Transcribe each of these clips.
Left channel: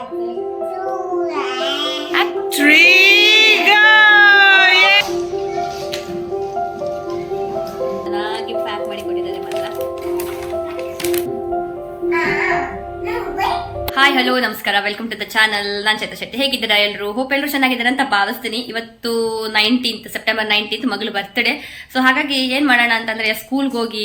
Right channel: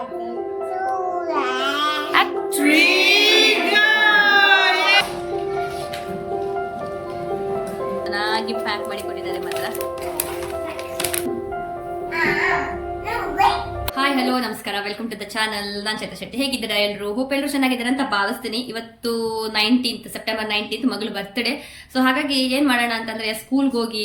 ಚೆನ್ನಾಗಿ ಪ್ಯಾಕ್ ಮಾಡಿ ಕೊಟ್ಟಿದ್ದಾರೆ ಮಾತ್ರ. ಹಾಯ್ ಹಲೋ ನಮಸ್ಕಾರ, ವೆಲ್ಕಮ್ ಟು ದ ಚಾನಲ್. ನಾನು ಚೇತನ್ ಶೆಟ್ಟಿ. ಹೇಗಿದ್ದೀರಾ ಎಲ್ಲರೂ? ಹೋಪ್ ಎಲ್ಲರೂ ಚೆನ್ನಾಗಿದ್ದಾರೆ ಅಂತ ಭಾವಿಸ್ತೀನಿ. ಇವತ್ತು ಸೆಪ್ಟೆಂಬರ್ 19 ಮಗಳು ಬರ್ತ್ಡೇ. ಸೊ ಹಾಗಾಗಿ ಏನು ಮಾಡೋಣ ಅಂತಂದರೆ ಸ್ಕೂಲ್ಗೆ ಹೋಗಿ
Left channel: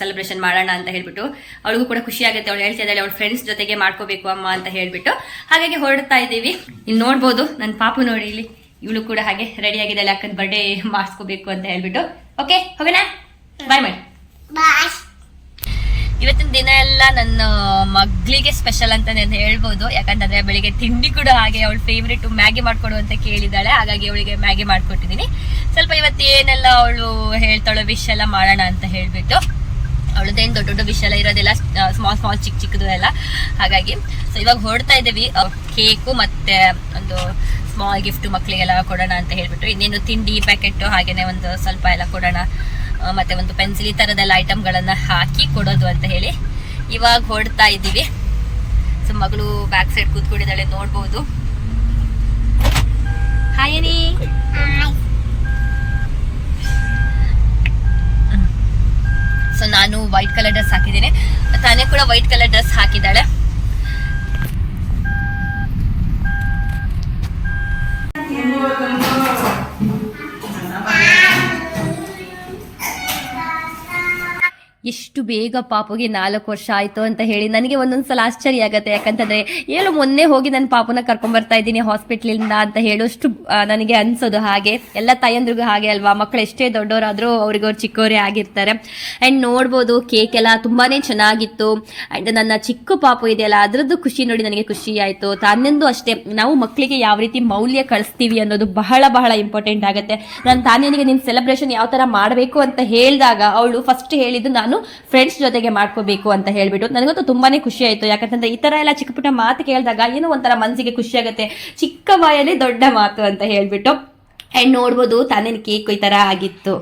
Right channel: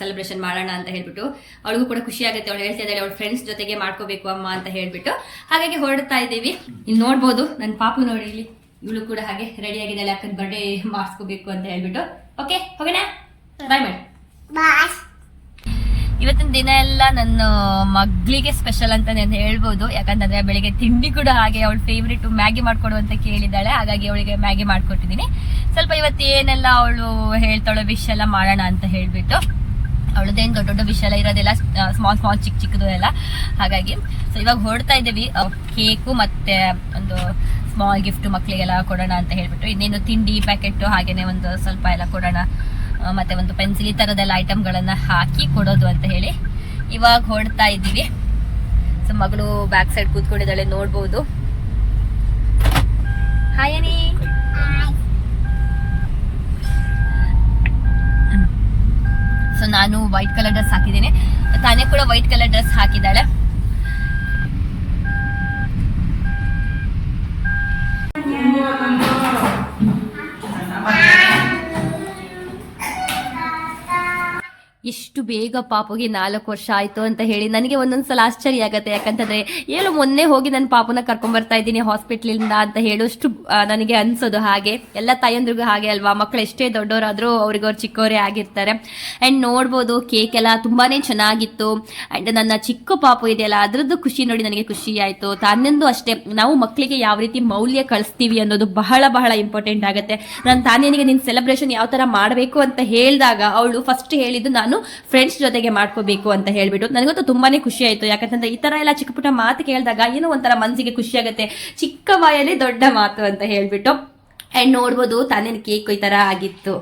ಸೆಲೆಬ್ರೇಷನ್ ಮಾಡೋಣ ಅಂತ ಹೇಳ್ಬಿಟ್ಟು, ಅವಳಿಗೂ ಕೂಡ ಖುಷಿ ಆಗುತ್ತೆ. ಅವಳು ಹೇಳ್ತಾ ಇದ್ದಾಳೆ ಅವಳ ಫ್ರೆಂಡ್ಸ್ ಜೊತೆಗೆ ಮಾಡ್ಕೋಬೇಕು ಅಮ್ಮ ಅಂತ ಹೇಳ್ಬಿಟ್ಟು, ಹಾಗಾಗಿ ಹೊರಡ್ತಾ ಇದ್ದೀವಿ. ಇಲ್ಲಿ ನೋಡ್ಬೋದು ನನ್ನ ಪಾಪು ನೋಡಿ, ಇಲ್ಲಿ ಇವಳು ಕೂಡ ಹಾಗೆ ರೆಡಿ ಆಗಿದ್ದಾಳೆ, ಅಕ್ಕನ ಬರ್ಡೇ ಮಾಡಿಸ್ಕೋಬೇಕು ಅಂತ ಹೇಳ್ಬಿಟ್ಟು. ಓಕೆ ಹೋಗೋಣ, ಬಾಯ್ ಮಾಡಿ. ಇವತ್ತಿನ ದಿನ ಎಲ್ಲ ನನ್ನ ಮಗಳಿಗೆ ಸ್ಪೆಷಲ್ ಅಂತ ನಾನು ಹೇಳ್ಬೋದು. ಯಾಕಂತಂದ್ರೆ ಬೆಳಿಗ್ಗೆ ತಿಂಡಿ ಕೂಡ ಹಾಗೆ ಅವಳ ಫೇವ್ರೇಟ್ ಮ್ಯಾಗಿ ಮಾಡ್ಕೊಡು ಅಂತ ಕೇಳಿದಾಳೆ, ಹಾಗಾಗಿ ಅವಳಿಗೆ ಮ್ಯಾಗಿ ಮಾಡ್ಕೊಟ್ಟಿದ್ದೀನಿ. ಸ್ವಲ್ಪ ಇವತ್ತು ಏನೆಲ್ಲ ಅವಳು ಹೇಳ್ತಾಳೋ ವಿಶ್ ಎಲ್ಲ ಮಾಡೋಣ ಅಂತ ಹೇಳ್ಬಿಟ್ಟು. ಅವಳದೇನು ದೊಡ್ಡ ದೊಡ್ಡ ವಿಷ್ ಎಲ್ಲ ಇರೋದಿಲ್ಲ, ಸ್ಮಾಲ್ ಸ್ಮಾಲ್ ಚಿಕ್ಕ ಚಿಕ್ಕದು ಎಲ್ಲ. ಹಾಗಾಗಿ ಸೊ ಇವಾಗ ಹೊರಡ್ತಾ ಇದ್ದೀವಿ. ಕೇಕು ಮತ್ತೆ ಒಂದು ಸ್ಮಾಲ್ ಗಿಫ್ಟ್ ಮಕ್ಕಳಿಗೆಲ್ಲ ಕೊಡೋಣ ಅಂತ ಹೇಳ್ಬಿಟ್ಟು, ಇನ್ನೇನು ತಿಂಡಿ ಪ್ಯಾಕೆಟ್ ಹಾಗೇನೆ ಒಂದು ಸ್ವಲ್ಪ ಎಲ್ಲ ಕೊಡೋಣ, ಮತ್ತೆ ಒಂದು ಪೆನ್ಸಿಲ್ ಈ ತರದೆಲ್ಲ ಐಟಮ್ಗಳನ್ನ ಹಾಕಿ ಕೊಡೋದು ಅಂತ ಹೇಳಿ ಇವಾಗ ಹೊರಡ್ತಾ ಇದ್ದೀವಿ. ಸೊ ಮಗಳು ಬ್ಯಾಕ್ ಸೈಡ್ ಕೂತ್ಕೊಂಡಿದ್ದಾಳೆ, ನೋಡ್ಬೋದು. ಹಾಯ್ ಅನಿ. ಸೊ ನಾನು ವೈಟ್ ಕಲರ್ ಡ್ರೆಸ್ ಹಾಕಿದ್ದೀನಿ, ತಾನೇ ಕೂಡ ವೈಟ್ ಕಲರ್ ಡ್ರೆಸ್ ಹಾಕಿದ್ದಾಳೆ. ಎಷ್ಟು ಬೇಗ ಪಾಪುಗೆ 4 ವರ್ಷ ಆಯಿತು ಅಂತ ಹೇಳಿ ನನಗೆ ಒಂದೊಂದ್ಸಲ ಆಶ್ಚರ್ಯ ಆಗುತ್ತೆ. ಯಾಕಂತಂದರೆ ಏನು ಮೊನ್ನೆ ಹೋಗಿ ನನ್ನ ಪಾಪುನ ಕರ್ಕೊಂಬರ್ತಾ ಇದ್ದೀನಿ ಹಾಸ್ಪಿಟ್ಲಿಂದ ಅಂತ ಹೇಳೋಷ್ಟು ನನಗೆ ಅನಿಸೋದು. ಹಾಗೆ ಎಲ್ಲ ತಾಯಂದ್ರಿಗೂ ಹಾಗೆ ಅಲ್ವಾ, ಮಕ್ಕಳು ಎಷ್ಟೇ ದೊಡ್ಡವರಾದರೂ ಅವ್ರಿಗವ್ರು ಚಿಕ್ಕವರೇ ಆಗಿರ್ತಾರೆ. ಆ್ಯಂಡ್ ನೋಡ್ಬೋದು ಕೇಕ್ ಎಲ್ಲ ತುಂಬಾ ಚೆನ್ನಾಗಿತ್ತು. ಆ್ಯಂಡ್ ನನ್ನ ಚಿಕ್ಕ ಪಾಪು ಇದೆಯಲ್ಲ ಅದರದ್ದು ಖುಷಿ ನೋಡಿ ನನಗೆ ಖುಷಿ ಆಯಿತು. ತಾನೆಂದು ಅಷ್ಟೇ, ನಾವು ಮಕ್ಕಳಿಗೆ ಯಾವ ರೀತಿ ಮೌಲ್ಯ ಕಳಿಸ್ತೀವಿ ಅನ್ನೋದು ಬಹಳ ಬಹಳ ಇಂಪಾರ್ಟೆಂಟ್ ಆಗುತ್ತೆ. ನಾನು ತಾನೇನಿಗೆ ನಿನ್ನ ಸೆಲೆಬ್ರೇಷನ್ ಯಾವ ಥರ ಮಾಡಬೇಕು ಅಂತ ಹೇಳಿದಾಗ ಅವಳು ಫಸ್ಟ್ ಹೇಳಿದ್ದು ನಾನು ಫ್ರೆಂಡ್ಸ್ ಜೊತೆಗೆ ಮಾಡ್ಕೋಬೇಕು ಅಂತ ಹೇಳ್ಬಿಟ್ಟು. ನನಗಂತೂ ತುಂಬಾನೇ ಖುಷಿ ಆಯ್ತು. ಯಾಕಂತಂದ್ರೆ ಈ ತರ ಎಲ್ಲ ಚಿಕ್ಕ ಪುಟ್ಟ ಮಾತು ಕೇಳಿದಾಗ ಏನೋ ಒಂಥರ ಮನಸ್ಸಿಗೆ ಖುಷಿ ಆಗುತ್ತೆ, ಚಿಕ್ಕ ಬಾಯಲ್ಲಿ ದೊಡ್ಡ ಮಾತು ಅಂತ ಹೇಳ್ಬಿಟ್ಟು. ಅಂಡ್ ನೋಡ್ಬೋದು ತಾನೇನು ಕೇಕ್ ಈ ತರ ಆಗಿತ್ತು.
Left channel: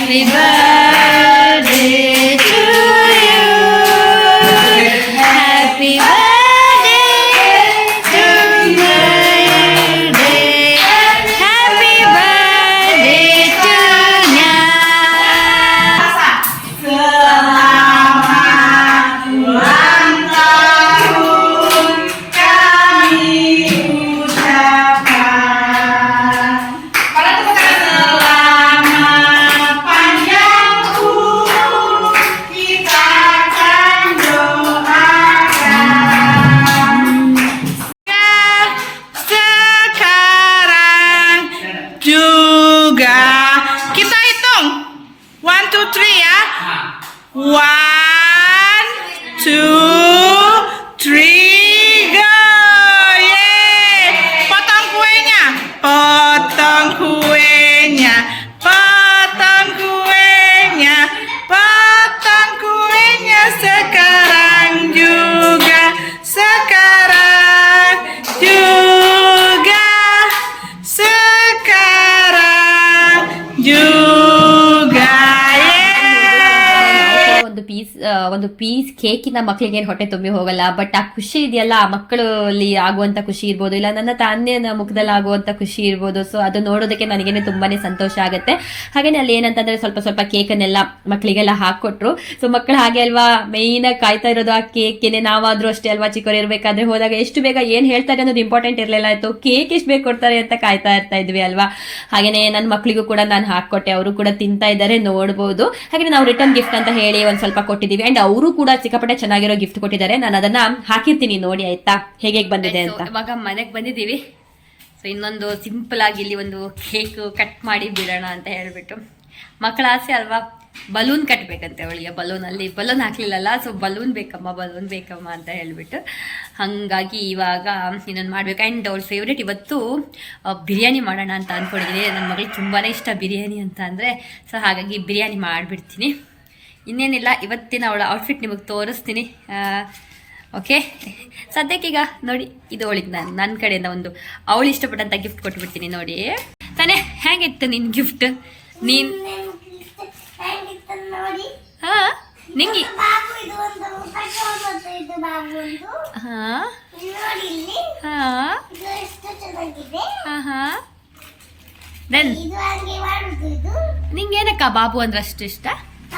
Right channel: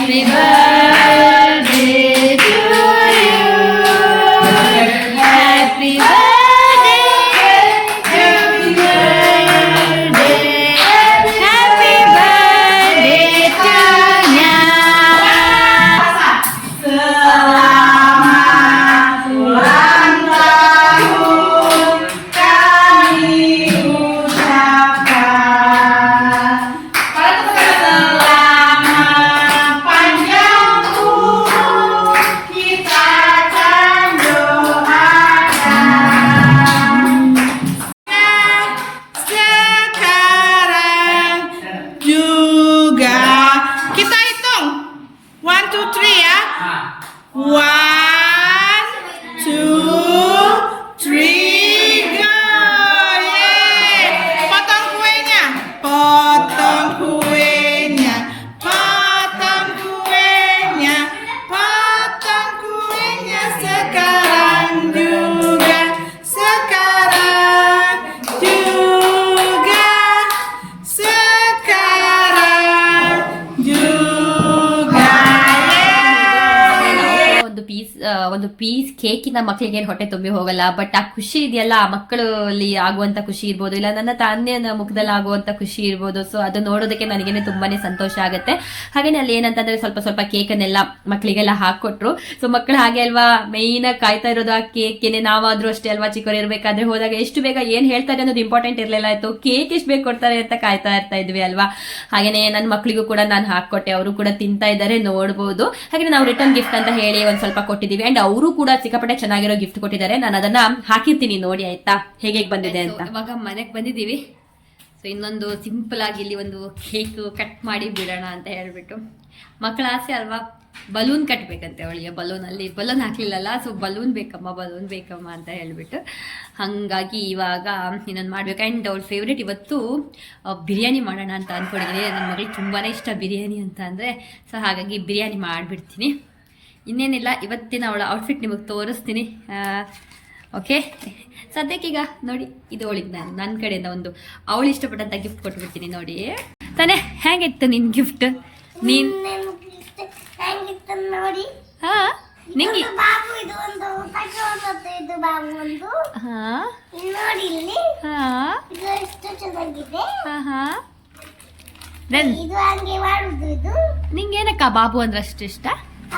Happy birthday to you. Happy birthday to birthday. Happy birthday to Nya. Selamat ulang tahun kami ucapkan. Kita hitung 1, 2, 3 ya. 1, 2, 3 go. Yeay. Potong kuenya. Potong kuenya. Potong kuenya. Potong kuenya sekarang juga. Sekarang juga. Sekarang juga. ಒಂದು piece ಕೇಕಿನ ಮಕ್ಕಳಿಗೆ ಏನು ಹೊಟ್ಟೆ ತುಂಬಿ ಹೋಗಲ್ಲ. But ಆ ಖುಷಿ ಇದೆಯಲ್ಲ, ಆ ಮಕ್ಕಳಲ್ಲಿ ಆಗುವಂತ ಖುಷಿ ಇರ್ಬೋದು, ಇಲ್ಲ ನನ್ನ ತಾನ್ಯನ ಮುಖದಲ್ಲಿ ಆಗುವಂತ ಖುಷಿ ಇರ್ಬೋದು. ಸೊ ಅದು ನೋಡೋದಕ್ಕೆ ನನಗೇನೆ ತುಂಬಾನೇ ಸಂತೋಷ ಆಗುತ್ತೆ. ಹಾಗೇನೆ ಅಲ್ಲಿ ಏನಂತಂದ್ರೆ ಸ್ವಲ್ಪ ಸ್ವಲ್ಪ ಕೇಕನ್ನೆಲ್ಲ ಮಕ್ಕಳಿಗೆಲ್ಲ ಹಾಕೊಟ್ರು. ಸೊ ಮಕ್ಕಳು ಹಾಗೆ ಅಲ್ವಾ, ಮೈನ್ ಆಗಿ ಕಾಯ್ತಾ ಇರೋದು ಆ ಕೇಕ್ಗೆ. ನಾವಾದ್ರೂ ಅಷ್ಟೇ ಅಲ್ವಾ, ಚಿಕ್ಕವರು ಇರ್ಬೇಕಾದ್ರೆ ಹೋದಾಗ ಎಷ್ಟು ಬೇಗ ಏನ್ ಹೇಳ್ತಾರೆ ಅನ್ನೋದು ಇಂಪಾರ್ಟೆಂಟ್ ಇರ್ಲಿಲ್ಲ. ಆಯ್ತು ಕೇಕ್ ಎಷ್ಟು ಬೇಗ ಕೊಡ್ತಾರೆ ಅಂತ ಕಾಯ್ತಾ ಇರ್ತಾ ಇದ್ವಿ ಅಲ್ವಾ. ಹಾಗೇನೆ ನನ್ನ ಮಕ್ಕಳಿಗೂ ಕೂಡ ನಾನು ಹಾಕೊಟ್ಟೆ, ಅವರು ಕೂಡ ತಿಂತಾ ಇದ್ದಾರೆ, ನೋಡ್ಬೋದು. ಹಾಗೆ ನಾವು ರಿಟರ್ನ್ ಗಿಫ್ಟ್ ಅಂತ ಹೇಳಿ ಒಂದ್ ಸ್ವಲ್ಪ ಕೊಟ್ಟಿದ್ದೀವಿ. ಅಂಡ್ ಅವರು ಕೂಡ ಸಿಕ್ಕಾಪಟ್ಟೆ ಚೆನ್ನಾಗಿರೋ ಗಿಫ್ಟ್ ಕೊಟ್ಟಿದ್ದಾರೆ. ನಾನು ಅದನ್ನ ಹಾಕಿರ್ತೀನಿ ನೋಡಿ, ಆಯ್ತಾ, ಹೇಗೆ ಬಂದಿದೆ ಅಂತ. ಇವಾಗ ಮನೆಗೆ ಬಂದಿದ್ದೀವಿ. ಸೊ ಇನ್ನೊಂದು ಸಿಂಪಲ್ ಆಗಿ ಇಲ್ಲಿ ಒಂದು ಕೇಕ್ ಕಟ್ ಮಾಡಿ ಬಿಡೋಣ ಅಂತ ಹೇಳ್ಬಿಟ್ಟು. ಮಕ್ಕಳ ಆಸೆ ಅಲ್ವಾ, ಬಲೂನ್ ಕಟ್ಟಬೇಕಂತೆ ಅವಳಿಗೆ. ಬಲೂನಲ್ಲಿ ಬಲೂನ್ ಹಾಕ್ಲಿಲ್ಲಲ್ಲ, ಸೊ ಬಲೂನ್ ಬೇಕಮ್ಮ ಅಂತ ಹೇಳ್ಬಿಟ್ಟು. ಹಾಗಾಗಿ ಇವಾಗ ಇನ್ನೊಂದು ಮಾಡ್ಬೇಕು. ಆ್ಯಂಡ್ ಅವ್ಳ ಫೇವ್ರೇಟ್ ಇವತ್ತು ಬಿರಿಯಾನಿ ಮಾಡೋಣ ಅಂತ ಅಂದ್ಕೊಂಡಿದ್ದೀನಿ. ನನ್ನ ಮಗಳಿಗೆ ತುಂಬಾ ಇಷ್ಟ ಬಿರಿಯಾನಿ ಅಂತ ಅಂದರೆ. ಸೊ ಹಾಗಾಗಿ ಬಿರಿಯಾನಿ ಮಾಡಿಬಿಡ್ತೀನಿ. ಇನ್ನೇನಿಲ್ಲ, ಇವತ್ತಿನ ಅವಳ ಔಟ್ಫಿಟ್ ನಿಮಗೆ ತೋರಿಸ್ತೀನಿ. ಓಕೆ, ಸದ್ಯಕ್ಕೀಗ ನೋಡಿ, ಇದು ಅವಳಿಗೆ ನನ್ನ ಕಡೆಯಿಂದ ಒಂದು ಅವಳು ಇಷ್ಟಪಟ್ಟಂಥ ಗಿಫ್ಟ್ ಕೊಟ್ಬಿಡ್ತೀನಿ. ನೋಡಿ ತಾನೇ, ಹೇಗಿತ್ತು ನಿನ್ನ ಗಿಫ್ಟ್? ನೀನು ನೋಡಿ ಹಾಂ ನಿಂಗೆ ಬಾಬು ಇದು ಒಂದು ತಗೊಂಡದ್ದು, ಇದು ಬಾಬು ಒಂದು ಹಾಂ ನೋಡಿ ಇಲ್ಲಿ ಹಾಂ ಇದು ಎಷ್ಟು ಚೆನ್ನಾಗಿದೆ. ಹಾಂ ಹಾಂ ದೆನ್ ಇದು ಹಂಗೆ ಮಾಡುದು. ಇದು ನಿಂಗೇನಕ್ಕ ಬಾಬು ಅಂದ್ರೆ ಅಷ್ಟು ಇಷ್ಟ?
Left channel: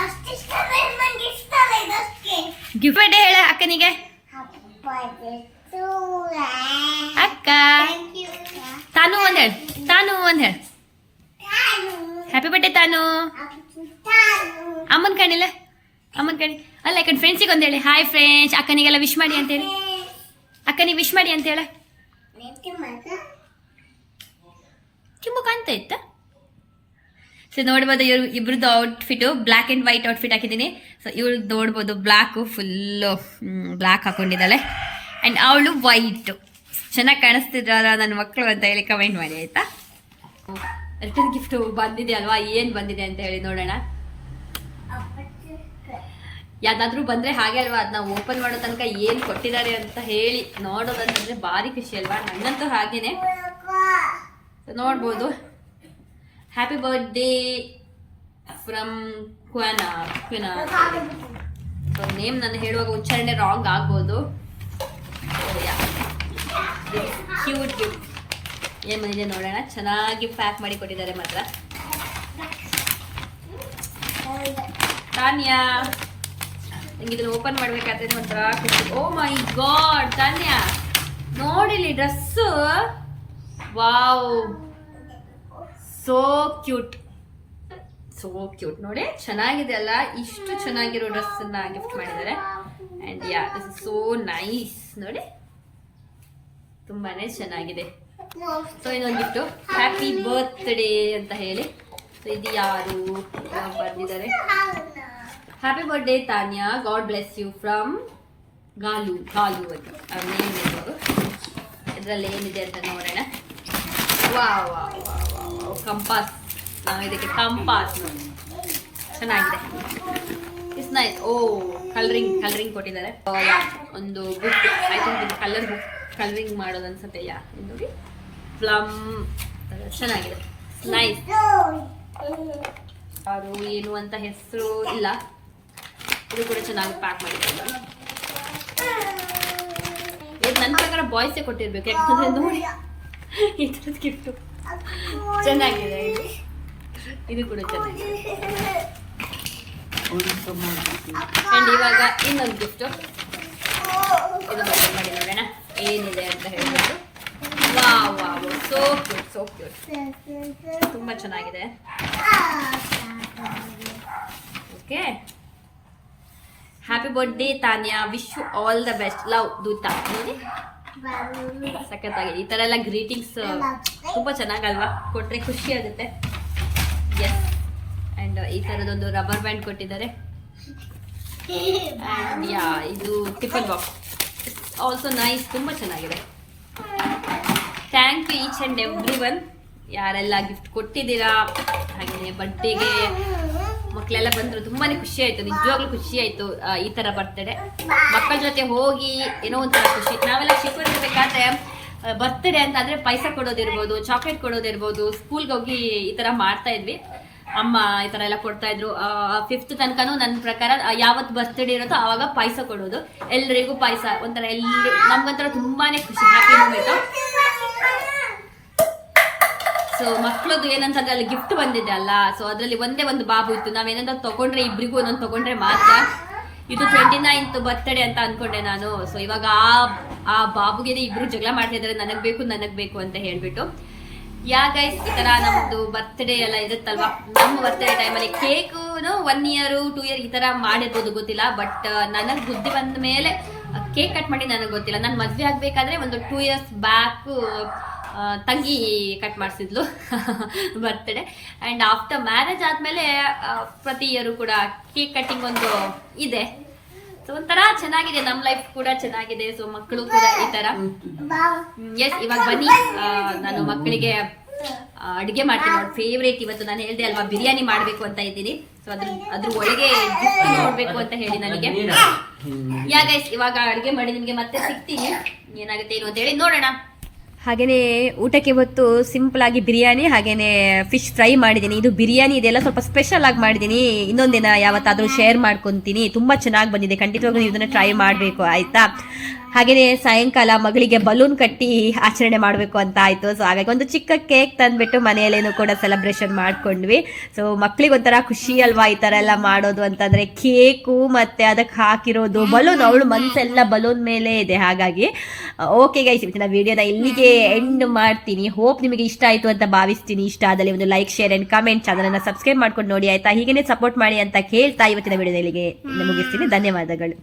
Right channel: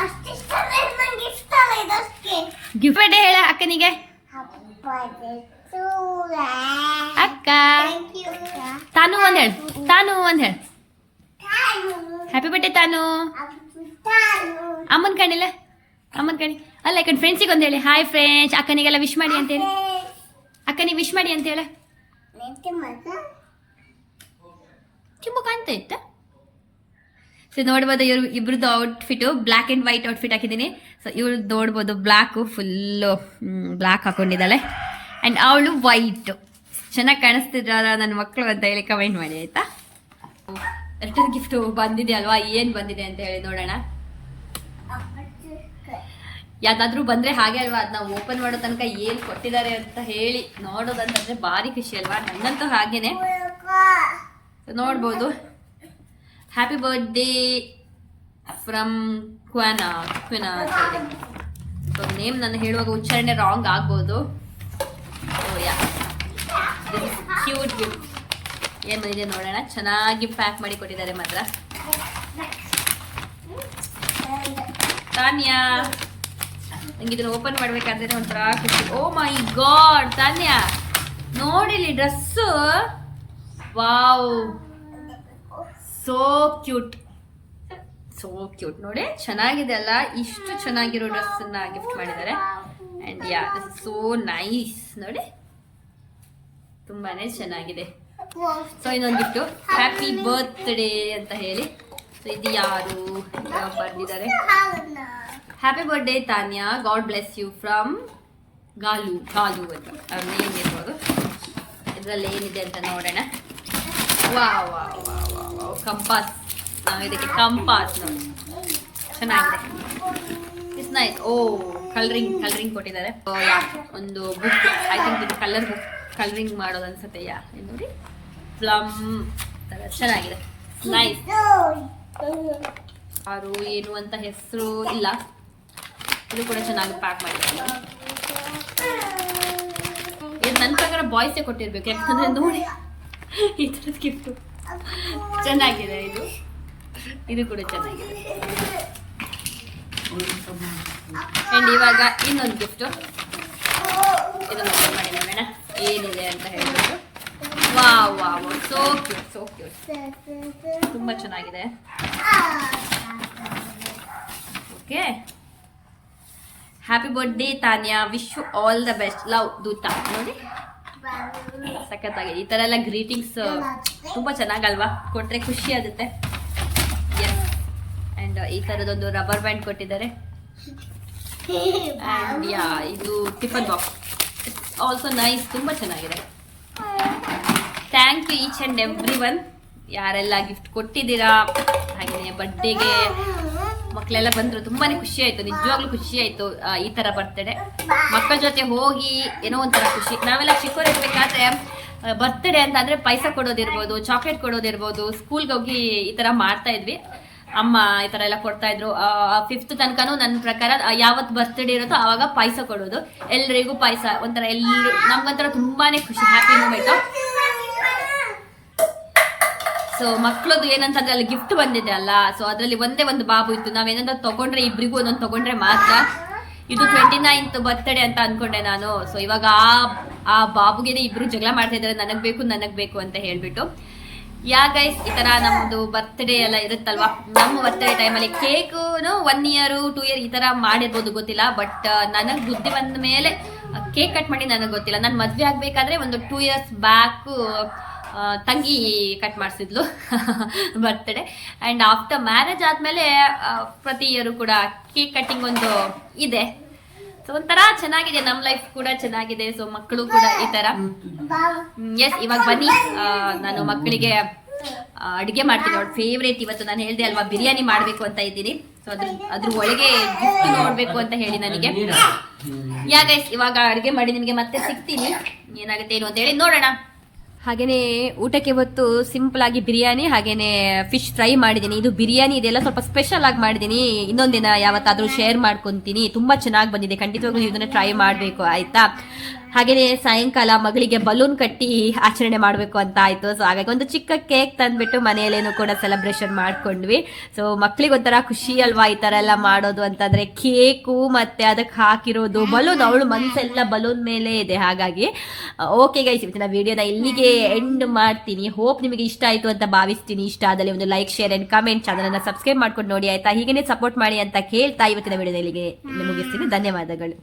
ಅಷ್ಟಿಷ್ಟ ನಂಗೆ ಇಷ್ಟ ಅಲ್ಲ ಇದಷ್ಟೇ. ಗಿಫ್ಟ್ ಬರ್ಡೇ ಹೇಳ ಅಕ್ಕನಿಗೆ. ಅಕ್ಕ ಥ್ಯಾಂಕ್ ಯು. ತಾನು ಒಂದು ಹೇಳು, ತಾನು ಒಂದು ಹೇಳು. ಹ್ಯಾಪಿ ಬರ್ಡೇ ತಾನು. ಅಮ್ಮನ ಕಣಿಲ್ಲ, ಅಮ್ಮನ ಕಣಿ ಅಲ್ಲ, ಈ ಕಡೆ ಫ್ರೆಂಡ್ಸಿಗೆ ಒಂದು ಹೇಳಿ, ಹಾಯ್ ಫ್ರೆಂಡ್ಸ್, ಅಕ್ಕನಿಗೆಲ್ಲ ವಿಶ್ ಮಾಡಿ ಅಂತೇಳಿ. ಅಕ್ಕನಿಗೆ ವಿಶ್ ಮಾಡಿ ಅಂತ ಹೇಳ. ಕಿಮ್ಮು ಕಾಣ್ತಾ ಇತ್ತ. ಸೊ ನೋಡ್ಬೋದು, ಇವ್ರು ಇಬ್ರದ್ದು ಔಟ್ಫಿಟು ಬ್ಲ್ಯಾಕ್ ಆ್ಯಂಡ್ ವೈಟ್ ಔಟ್ಫಿಟ್ ಹಾಕಿದ್ದೀನಿ. ಸೊ ಇವ್ರದ್ದು ನೋಡ್ಬೋದು, ಬ್ಲ್ಯಾಕು ಫುಲ್ಲು ಬ್ಲ್ಯಾಕ್ ಹಾಕೊಂಡಿದ್ದಾಳೆ, ಆ್ಯಂಡ್ ಅವಳು ವೈಟು. ಚೆನ್ನಾಗಿ ಕಾಣಿಸ್ತಿದ್ರಲ್ಲ ನನ್ನ ಮಕ್ಕಳು ಅಂತ ಹೇಳಿ ಕಮೆಂಟ್ ಮಾಡಿ ಆಯಿತಾ. ರಿಟರ್ನ್ ಗಿಫ್ಟು ಬಂದಿದೆ ಅಲ್ವಾ, ಏನು ಬಂದಿದೆ ಅಂತ ಹೇಳಿ ನೋಡೋಣ. ಯಾವ್ದಾದ್ರೂ ಬಂದರೆ ಹಾಗೆ ಅಲ್ವಾ, ಅದನ್ನ ಓಪನ್ ಮಾಡೋ ತನಕ ಏನು ಕೊಟ್ಟಿದ್ದಾರೆ ಅಂತ ಹೇಳಿ ನೋಡೋದಂತಂದರೆ ಭಾರಿ ಖುಷಿ ಅಲ್ವಾ. ನನ್ನಂತೂ ಹಾಗೇನೆ. ನೋಡ್ಬೋದು, ಹ್ಯಾಪಿ ಬರ್ಡೇ ಫ್ರಮ್ ಕ್ವಿನಾ ಅಂತ ಹೇಳಿ. ಸೊ ನೇಮ್ ನಾನು ಹೇಳುವಾಗ ಉಚ್ಚಾರಣೆ ರಾಂಗ್ ಆಗ್ಬೋದು. ಓ ಯಾ, ಕ್ಯೂಟ್ ಗಿಫ್ಟ್. ಏನು ಬಂದಿದೆ ನೋಡೋಣ. ಚೆನ್ನಾಗಿ ಪ್ಯಾಕ್ ಮಾಡಿ ಕೊಟ್ಟಿದ್ದಾರೆ ಮಾತ್ರ. ತಾನ್ಯಾ, ನಂಗೆ ಇದನ್ನು ಓಪನ್ ಮಾಡಬೇಕಾದ್ರೆ ಒಂಥರ ಖುಷಿ. ಓ ಮೈ ಗಾಡ್ ತಾನ್ಯಾ, ನೋಡಿಲಿ dress. Wow, so cute, so cute. ನೋಡಿ ಚೆನ್ನಾಗಿದೆ ಅಲ್ಲ, ಇಷ್ಟು ಚೆನ್ನಾಗಿರೋ ಡ್ರೆಸ್ಸನ್ನು ಗಿಫ್ಟ್ ಮಾಡಿದ್ದಾರೆ. And yeah, this is so nice. ನೋಡಿ ತುಂಬಾ ಚೆನ್ನಾಗಿದೆ. ಸೊ ಇನ್ನೊಂದು ಗಿಫ್ಟು, ಹ್ಯಾಪಿ ಬರ್ತ್ಡೇ ಅಂತ ಹೇಳಿ. ಸೊ ಇದು ಯಾರು ಬರೆದಿದ್ದಾರೆ, happy birthday Tanya, God bless you from ಗಾಲು ಅಂತ ಅವ್ರ ನೇಮ್ ಇರ್ಬೋದು. ಇದರಲ್ಲಿ ಏನಿದೆ ಅಂತ ನೋಡೋಣ. Wow wow wow wow wow, compass. ನಾವು ಇದಕ್ಕೆ ಕಂಪಾಸ್ ನೋಡಿ, ಚೆನ್ನಾಗಿದೆ. It's nice. ಓ ಕಲರಿಂಗ್ ಕೊಟ್ಟಿದ್ದಾರೆ. ಒಂದು ಬುಕ್, ಐ ಥಿಂಕ್ ಇದು ಕಲರ್ ಬುಕ್, ಕಲರಿಂಗ್ ಮಾಡೋದು ಅನ್ಸುತ್ತೆ. ಯಾ, ಇದು ನೋಡಿ, ಪ್ಲಮ್ ಥರ ಚೆನ್ನಾಗಿದೆ, ನೈಸ್. ಯಾರು ಏನು ಅಂತ ಹೆಸರು ಇಲ್ಲ. ಇದು ಕೂಡ ಚೆನ್ನಾಗಿ ಪ್ಯಾಕ್ ಮಾಡಿದ್ದಾರೆ ನೋಡಿ. ಇದು ನನ್ನ ಪ್ರಕಾರ ಬಾಯ್ಸೇ ಕೊಟ್ಟಿರ್ಬೇಕು, ಯಾಕಂದ್ರೆ ನೋಡಿ ಈ ಥರದ ಗಿಫ್ಟು ಚೆನ್ನಾಗಿದೆ. ಇದು ಕೂಡ ಚೆನ್ನಾಗಿದೆ. ಆ್ಯಂಡ್ ಇವಾಗ ಇನ್ನೊಂದು ಗಿಫ್ಟು, ಇದನ್ನು ಓಪನ್ ಮಾಡಿ ನೋಡೋಣ ಏನಿದೆ ಅಂತ ಹೇಳ್ಬಿಟ್ಟು. Wow wow, so cute, so cute, ತುಂಬ ಚೆನ್ನಾಗಿದೆ. Okay, happy birthday Tanya, wish you all the best, love ದೂತ. ನೋಡಿ ಸಖತ್ತಾಗಿದೆ. ಈ ಥರ ಎಲ್ಲ ಗ್ರೀಟಿಂಗ್ಸ್ ತುಂಬ ಚೆನ್ನಾಗಲ್ವಾ, ಕೊಟ್ಟರೆ ಖುಷಿ ಆಗುತ್ತೆ. ಎಸ್, ಆ್ಯಂಡ್ ಈ ಥರದೊಂದು ರಬ್ಬರ್ ಬ್ಯಾಂಡ್ ಕೊಟ್ಟಿದ್ದಾರೆ. ಆ್ಯಂಡ್ ಯಾ, ಇದು ಟಿಫನ್ ಬಾಕ್ಸ್, ಆಲ್ಸೋ ನೈಸ್, ತುಂಬ ಚೆನ್ನಾಗಿದೆ. Thank you each and every one, ಯಾರೆಲ್ಲ ಗಿಫ್ಟ್ ಕೊಟ್ಟಿದ್ದೀರಾ. ಹಾಗೆಯೇ ಬರ್ಡೇಗೆ ಮಕ್ಕಳೆಲ್ಲ ಬಂದರು, ತುಂಬಾ ಖುಷಿ ಆಯಿತು, ನಿಜವಾಗ್ಲೂ ಖುಷಿ ಆಯಿತು. ಈ ಥರ ಬರ್ತಡೇ ಮಕ್ಕಳ ಜೊತೆ ಹೋಗಿ ಏನೋ ಒಂಥರ ಖುಷಿ. ನಾವೆಲ್ಲ ಚಿಕ್ಕವರಿರ್ಬೇಕಾದ್ರೆ ಬರ್ತ್ಡೇ ಅಂತ ಅಂದರೆ ಪೈಸಾ ಕೊಡೋದಿರ್ಬೋದು, ಚಾಕ್ಲೇಟ್ ಕೊಡೋದಿರ್ಬೋದು, ಸ್ಕೂಲ್ಗೆ ಹೋಗಿ ಈ ಥರ ಮಾಡ್ತಾ ಇದ್ವಿ. ಅಮ್ಮ ಈ ಥರ ಎಲ್ಲ ಕೊಡ್ತಾಯಿದ್ರು. 5th ತನಕನೂ ನನ್ನ ಪ್ರಕಾರ ಯಾವತ್ತು ಬರ್ತ್ಡೇ ಇರುತ್ತೋ ಆವಾಗ ಪಾಯಸ ಕೊಡೋದು, ಎಲ್ರಿಗೂ ಪಾಯಸ. ಒಂಥರ ಎಲ್ಲರೂ ನಮ್ಗೊಂಥರ ತುಂಬಾ ಖುಷಿ, ಹ್ಯಾಪಿ ಮೂಮೆಂಟು. ಸೊ ಮಕ್ಕಳದು ಏನಂತಂದ್ರೆ ಅಲ್ಲಿ ಗಿಫ್ಟ್ ಬಂದಿದೆ ಅಲ್ಲ, ಸೊ ಅದರಲ್ಲಿ ಒಂದೇ ಒಂದು ಬಾಬು ಇತ್ತು. ನಾವೇನಾದ್ರೂ ತೊಗೊಂಡ್ರೆ ಇಬ್ಬರಿಗೂ ಒಂದೊಂದು ತೊಗೊಂಡ್ರೆ ಮಾತ್ರ. ಇದು 29th ಬರ್ತ್ಡೇ ಅಂತ ಅಂದ್ಕೊಂಡೆ ನಾನು. ಸೊ ಇವಾಗ ಆ ಬಾಬುಗೆ ಇಬ್ಬರು ಜಗಳ ಮಾಡ್ತಾ ಇದ್ದಾರೆ, ನನಗೆ ಬೇಕು ಅಂತ ಹೇಳ್ಬಿಟ್ಟು. ಯಾ ಗೈಸ್, ಈ ಥರ ನಮ್ಮದು ಬರ್ತ್ಡೇ ಎಲ್ಲ ಇರುತ್ತಲ್ವಾ, ನಮ್ಮ ಬರ್ತ್ಡೇ ಟೈಮಲ್ಲಿ ಕೇಕು 1 year 2 year ಈ ಥರ ಮಾಡಿರ್ಬೋದು, ಗೊತ್ತಿಲ್ಲ. ಬಟ್ ನನಗೆ ಬುದ್ಧಿ ಬಂದ ಮೇಲೆ ಕೇಕ್ ಕಟ್ ಮಾಡಿ ನನಗೆ ಗೊತ್ತಿಲ್ಲ. ನಾನು ಮದುವೆ ಆಗಬೇಕಾದ್ರೆ ಒಂದು 2 years ಬ್ಯಾಕು ತಂಗಿ ಕಟ್ ಮಾಡಿಸಿದ್ಲು ಬರ್ತ್ಡೇ. ಆ್ಯಂಡ್ ಆಫ್ಟರ್ ಮ್ಯಾರೇಜ್ ಆದಮೇಲೆ ಪ್ರತಿ ಇಯರು ಕೂಡ ಕೇಕ್ ಕಟ್ಟಿಂಗ್ ಒಂದು ಇದೆ. ಸೊ ಒಂಥರ ಚೆನ್ನಾಗಿದೆ, ನಮ್ಮ ಲೈಫ್ ಕೂಡ ಚೆನ್ನಾಗಿದೆ. ಸೊ ಮಕ್ಕಳು ಕೂಡ ಈ ಥರ. ಎಸ್, ಇವಾಗ ಬನ್ನಿ, ನಾನು ಮಕ್ಕಳಿಗೆ ಅಡುಗೆ ಮಾಡ್ತೀನಿ. ಅವ್ರ ಫೇವ್ರೇಟ್ ಇವತ್ತು ನಾನು ಹೇಳಿದೆ ಅಲ್ವಾ, ಬಿರಿಯಾನಿ ಮಾಡಬೇಕು ಅಂತ ಇದ್ದೀನಿ. ಸೊ ಅದ್ರ ಒಳಗೆ ಗಿಫ್ಟ್ ನೋಡ್ಬೇಕು ಅಂತ ಹೇಳಿ ನನಗೆ. ಯಾ ಗೈಸ್, ಇವಾಗ ಅಡುಗೆ ಮಾಡಿ ನಿಮಗೆ ಮತ್ತೆ ಸಿಗ್ತೀನಿ, ಏನಾಗುತ್ತೆ ಏನು ಅಂತ ಹೇಳಿ ನೋಡೋಣ. ಹಾಗೇನೆ ಊಟಕ್ಕೆ ಇವತ್ತು ಸಿಂಪಲ್ ಆಗಿ ಬಿರಿಯಾನಿ ಹಾಗೇನೆ ಫಿಶ್ ಫ್ರೈ ಮಾಡಿದ್ದೀನಿ. ಇದು ಬಿರಿಯಾನಿ ಇದೆಲ್ಲ ಸ್ವಲ್ಪ ಸ್ಪೆಷಲ್ ಆಗಿ ಮಾಡಿದ್ದೀನಿ, ಇನ್ನೊಂದಿನ ಯಾವತ್ತಾದ್ರೂ ಶೇರ್ ಮಾಡ್ಕೊಂತೀನಿ. ತುಂಬಾ ಚೆನ್ನಾಗಿ ಬಂದಿದೆ, ಖಂಡಿತವಾಗ್ಲೂ ಇದನ್ನ ಟ್ರೈ ಮಾಡಬೇಕು ಆಯ್ತಾ. ಹಾಗೇನೆ ಸಾಯಂಕಾಲ ಮಗಳಿಗೆ ಬಲೂನ್ ಕಟ್ಟಿ ಆಚರಣೆ ಮಾಡಬೇಕು ಅಂತ ಆಯ್ತು. ಸೊ ಹಾಗಾಗಿ ಒಂದು ಚಿಕ್ಕ ಕೇಕ್ ತಂದ್ಬಿಟ್ಟು ಮನೆಯಲ್ಲೇನು ಕೂಡ ಸೆಲೆಬ್ರೇಷನ್ ಮಾಡ್ಕೊಂಡ್ವಿ. ಸೊ ಮಕ್ಳಿಗೆ ಒಂಥರ ಖುಷಿ ಅಲ್ವಾ ಈ ತರ ಎಲ್ಲ ಮಾಡೋದು ಅಂತಂದ್ರೆ, ಕೇಕು ಮತ್ತೆ ಅದಕ್ಕೆ ಹಾಕಿರೋದು ಬಲೂನ್, ಅವಳು ಮನ್ಸೆಲ್ಲ ಬಲೂನ್ ಮೇಲೆ ಇದೆ. ಹಾಗಾಗಿ ಓಕೆ ಗೈಸ್, ಇವತ್ತಿನ ವಿಡಿಯೋನ ಇಲ್ಲಿಗೆ ಎಂಡ್ ಮಾಡ್ತೀನಿ. ಹೋಪ್ ನಿಮಗೆ ಇಷ್ಟ ಆಯ್ತು ಅಂತ ಭಾವಿಸ್ತೀನಿ. ಇಷ್ಟ ಆದಲ್ಲಿ ಒಂದು like, share and comment, channel subscribe ಮಾಡ್ಕೊಂಡು ನೋಡಿ ಆಯ್ತಾ. ಹೀಗೇನೆ ಸಪೋರ್ಟ್ ಮಾಡಿ ಅಂತ ಕೇಳ್ತಾ ಇವತ್ತಿನ ವಿಡಿಯೋನ ಇಲ್ಲಿಗೆ ಮುಗಿಸ್ತೀನಿ. ಧನ್ಯವಾದಗಳು.